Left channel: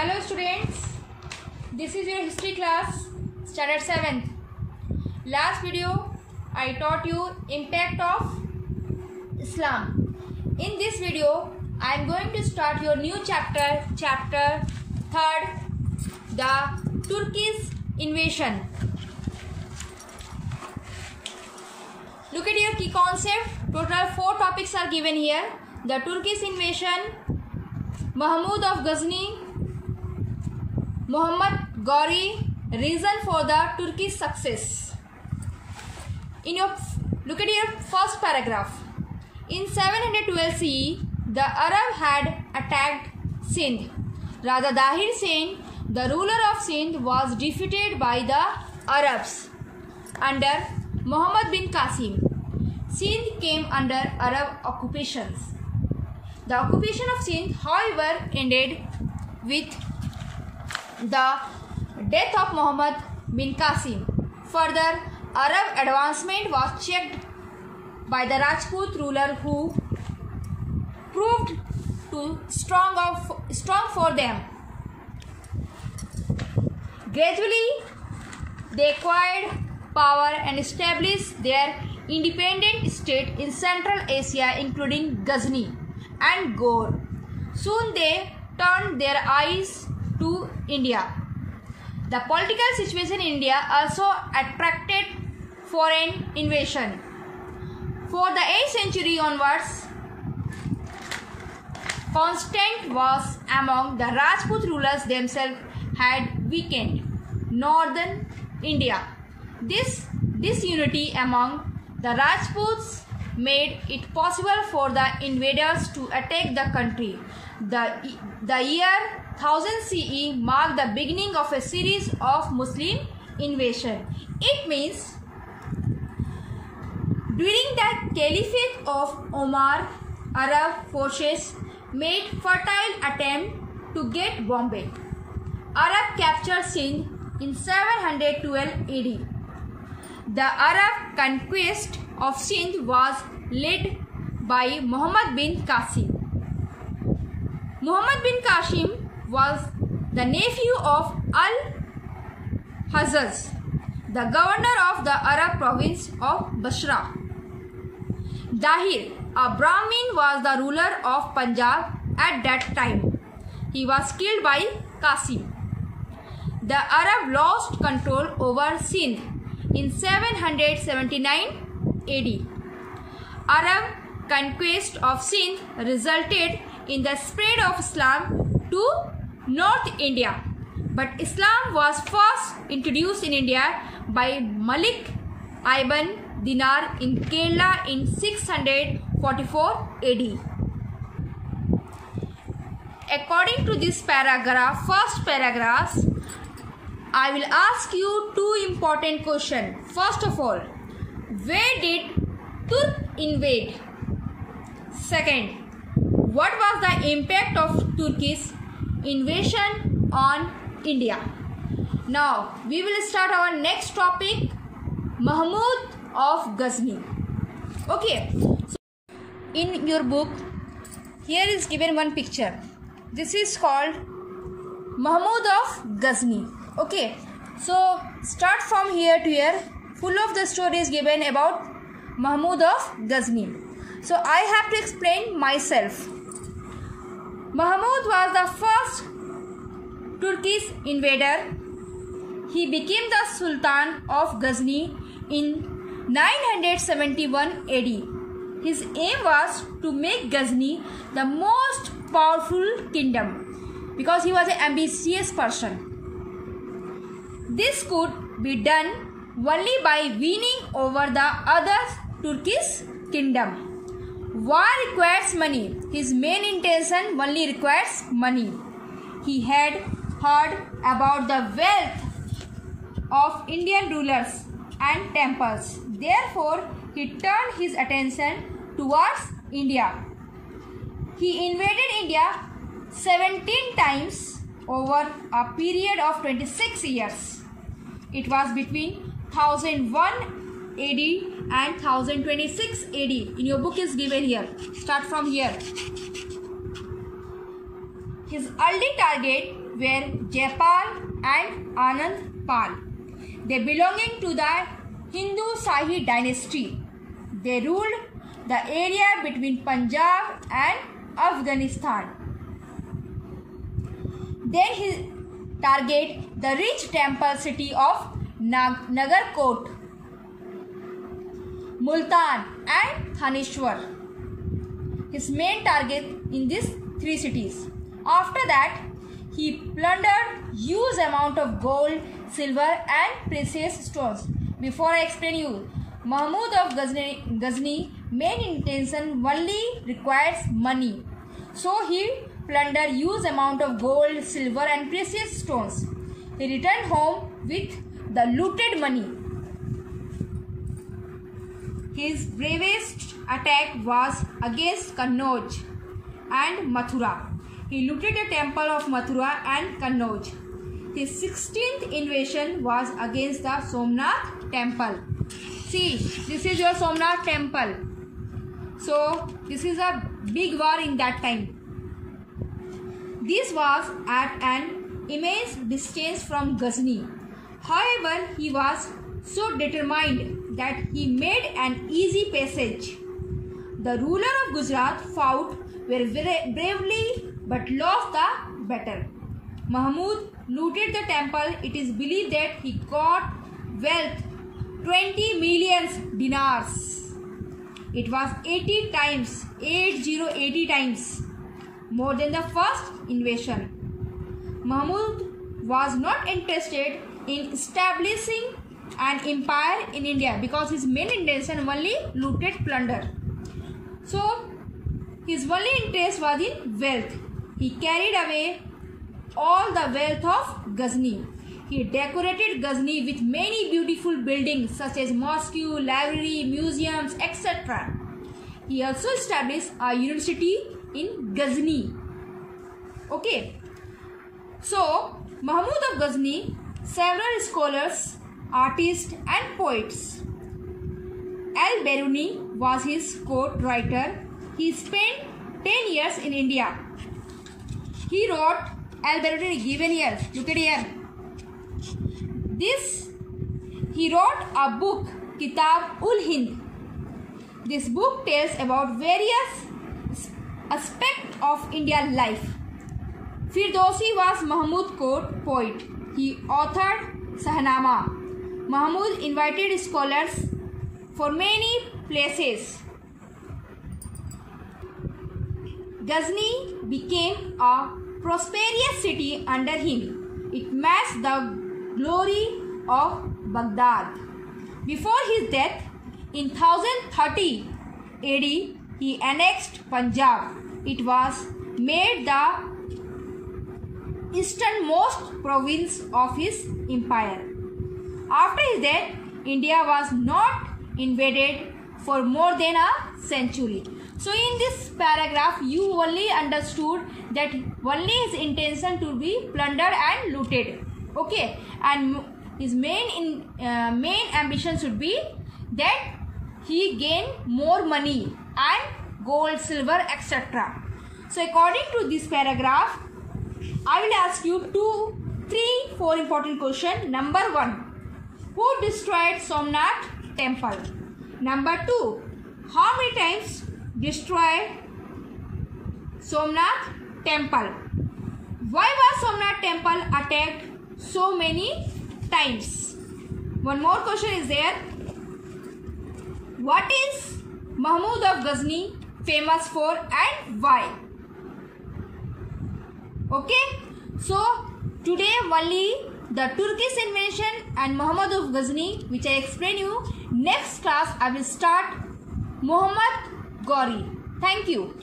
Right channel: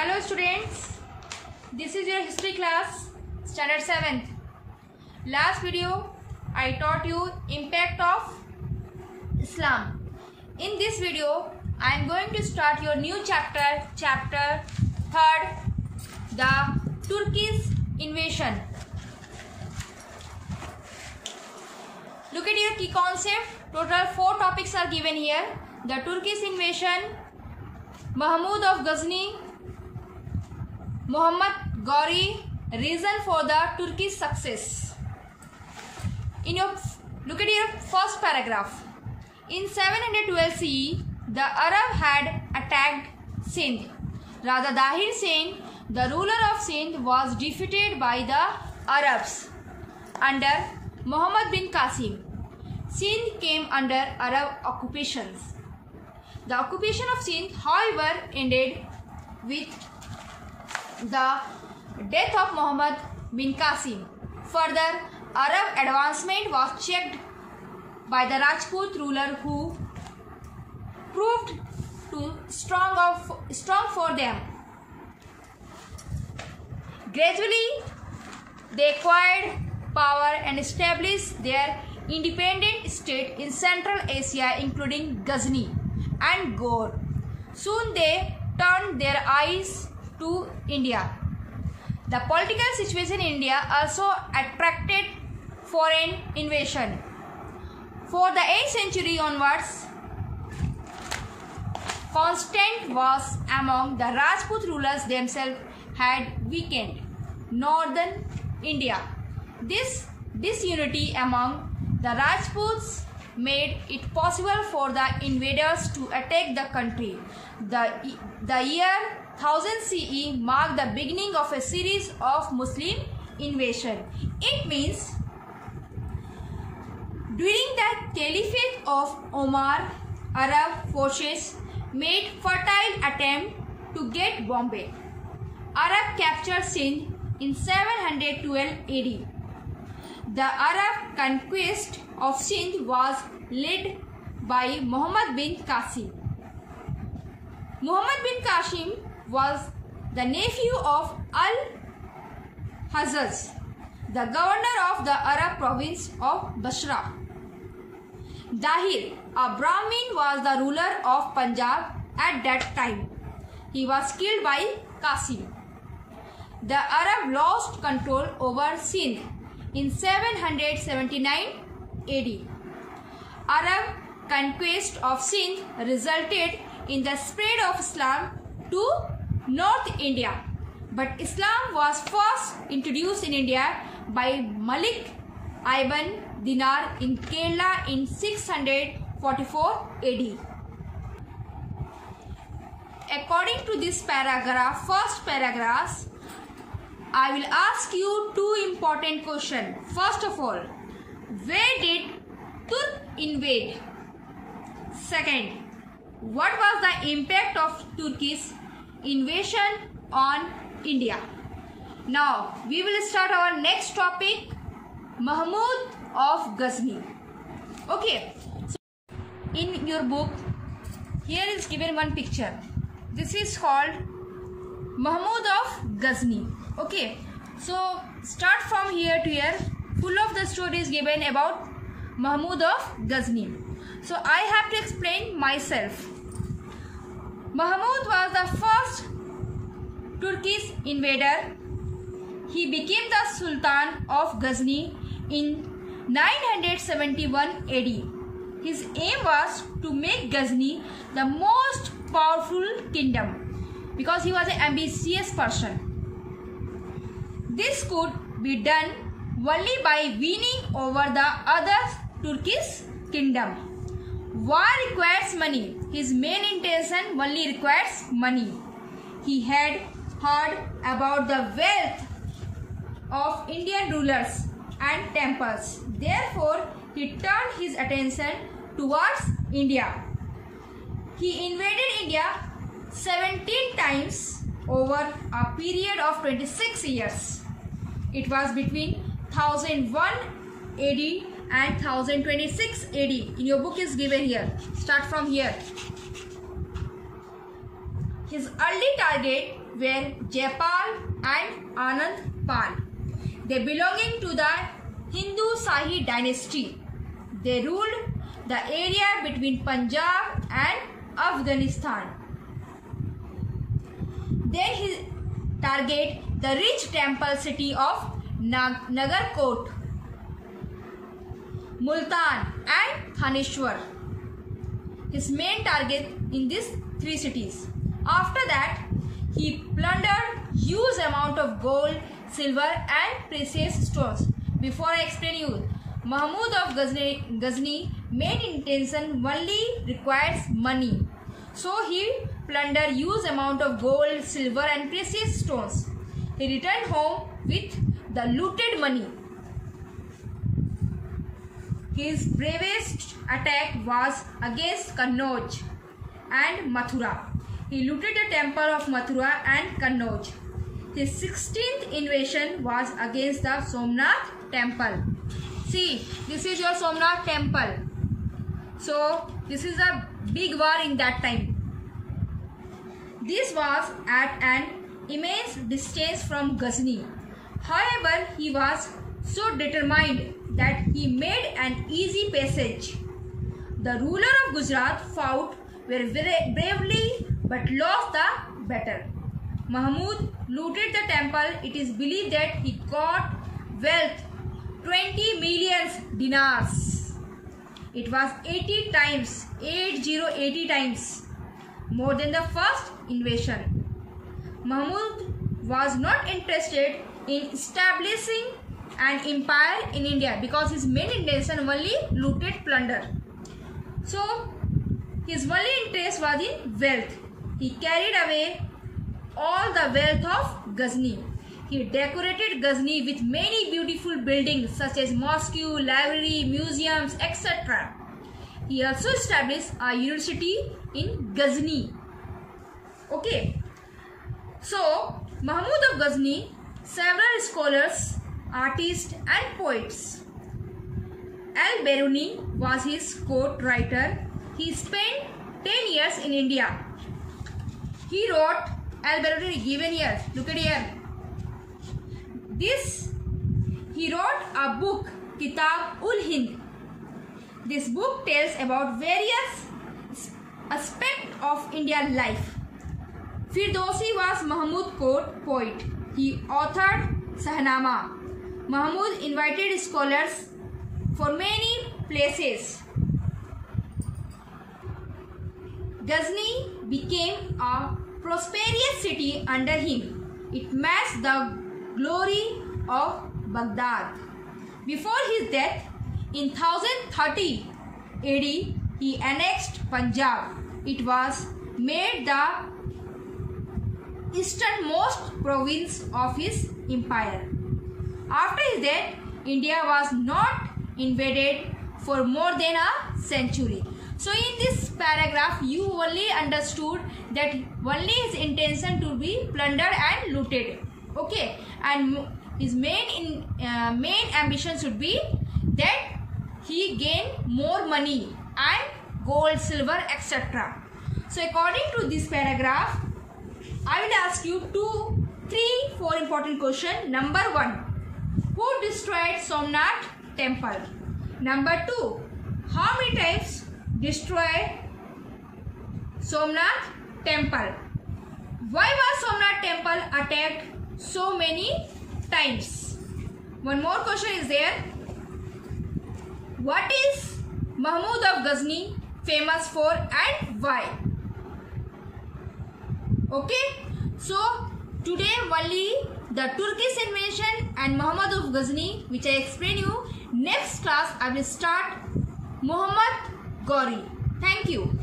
Hello students, this is your history class, standard 7th. Last video I taught you impact of Islam. In this video I am going to start your new chapter 3rd, the Turkish invasion. Look at your key concept. Total 4 topics are given here. The Turkish invasion, Mahmud of Ghazni, Muhammad Ghori, reason for the Turkish success. Look at your first paragraph. In 712 CE, the Arab had attacked Sindh. Raja Dahir Sen, the ruler of Sindh, was defeated by the Arabs under Muhammad bin Qasim. Sindh came under Arab occupations. The occupation of Sindh, however, ended with the death of Muhammad bin Qasim. Further, Arab advancement was checked by the Rajput ruler, who proved too strong for them. Gradually, they acquired power and established their independent state in Central Asia, including Ghazni and Ghor. Soon they turned their eyes to India. The political situation in India also attracted foreign invasion. For the 8th century onwards, Constantine was among the Rajput rulers themselves had weakened northern India. This disunity among the Rajputs made it possible for the invaders to attack the country. The year 1000 CE marked the beginning of a series of Muslim invasion. It means during the Caliphate of Omar, Arab forces made fertile attempt to get Bombay. Arab captured Sindh in 712 AD. The Arab conquest of Sindh was led by Muhammad bin Qasim. Muhammad bin Qasim was the nephew of Al-Hajjaj, the governor of the Arab province of Basra. Dahir, a Brahmin, was the ruler of Punjab at that time. He was killed by Qasim. The Arab lost control over Sindh in 779 AD. Arab conquest of Sindh resulted in the spread of Islam to North India, but Islam was first introduced in India by Malik ibn Dinar in Kerala in 644 AD. According to this first paragraph, I will ask you 2 important questions. First of all, where did Turk invade? Second, what was the impact of Turkish invasion on India? Now, we will start our next topic, Mahmud of Ghazni. Okay, so in your book, here is given one picture. This is called Mahmud of Ghazni. Okay, so start from here to here. Full of the story is given about Mahmud of Ghazni. So I have to explain myself. Mahmud was the first Turkish invader. He became the Sultan of Ghazni in 971 AD. His aim was to make Ghazni the most powerful kingdom because he was an ambitious person. This could be done only by winning over the other Turkish kingdom. War requires money. His main intention only requires money. He had heard about the wealth of Indian rulers and temples. Therefore, he turned his attention towards India. He invaded India 17 times over a period of 26 years. It was between 1001 AD and 1026 AD. In your book is given here. Start from here. His early target were Jaipal and Anand Pal. They belonging to the Hindu Shahi dynasty. They ruled the area between Punjab and Afghanistan. Then he targeted the rich temple city of Nagarkot, Multan and Thanishwar. His main target in these three cities. After that, he plundered huge amount of gold, silver and precious stones. Before I explain you, Mahmud of Ghazni main intention only requires money. So he plundered huge amount of gold, silver and precious stones. He returned home with the looted money. His bravest attack was against Kannauj and Mathura. He looted the temple of Mathura and Kannauj. His 16th invasion was against the Somnath temple. See, this is your Somnath temple. So, this is a big war in that time. This was at an immense distance from Ghazni. However, he was so determined that he made an easy passage. The ruler of Gujarat fought very bravely but lost the battle. Mahmud looted the temple. It is believed that he got wealth 20 million dinars. It was 80 times more than the first invasion. Mahmud was not interested in establishing an empire in India because his main intention only looted plunder. So his only interest was in wealth. He carried away all the wealth of Ghazni. He decorated Ghazni with many beautiful buildings such as mosque, library, museums, etc. He also established a university in Ghazni. Okay. So, Mahmud of Ghazni, several scholars, artists and poets. Al-Biruni was his court writer. He spent 10 years in India. He wrote, Al-Biruni given here, look at here. He wrote a book, Kitab-ul-Hind. This book tells about various aspects of Indian life. Firdausi was Mahmud's court poet. He authored Shahnama. Mahmud invited scholars for many places. Ghazni became a prosperous city under him. It matched the glory of Baghdad. Before his death, in 1030 AD, he annexed Punjab. It was made the easternmost province of his empire. After his death, India was not invaded for more than a century. So in this paragraph, you only understood that only his intention to be plundered and looted. Okay, and his main ambition should be that he gain more money and gold, silver, etc. So according to this paragraph, I will ask you 4 important questions. Number 1, who destroyed Somnath temple? Number 2, how many times destroyed Somnath temple? Why was Somnath temple attacked so many times? One more question is there. What is Mahmud of Ghazni famous for and why? Okay, so today only the Turkish invasion and Muhammad of Ghazni, which I explain you. Next class I will start Muhammad Ghori. Thank you.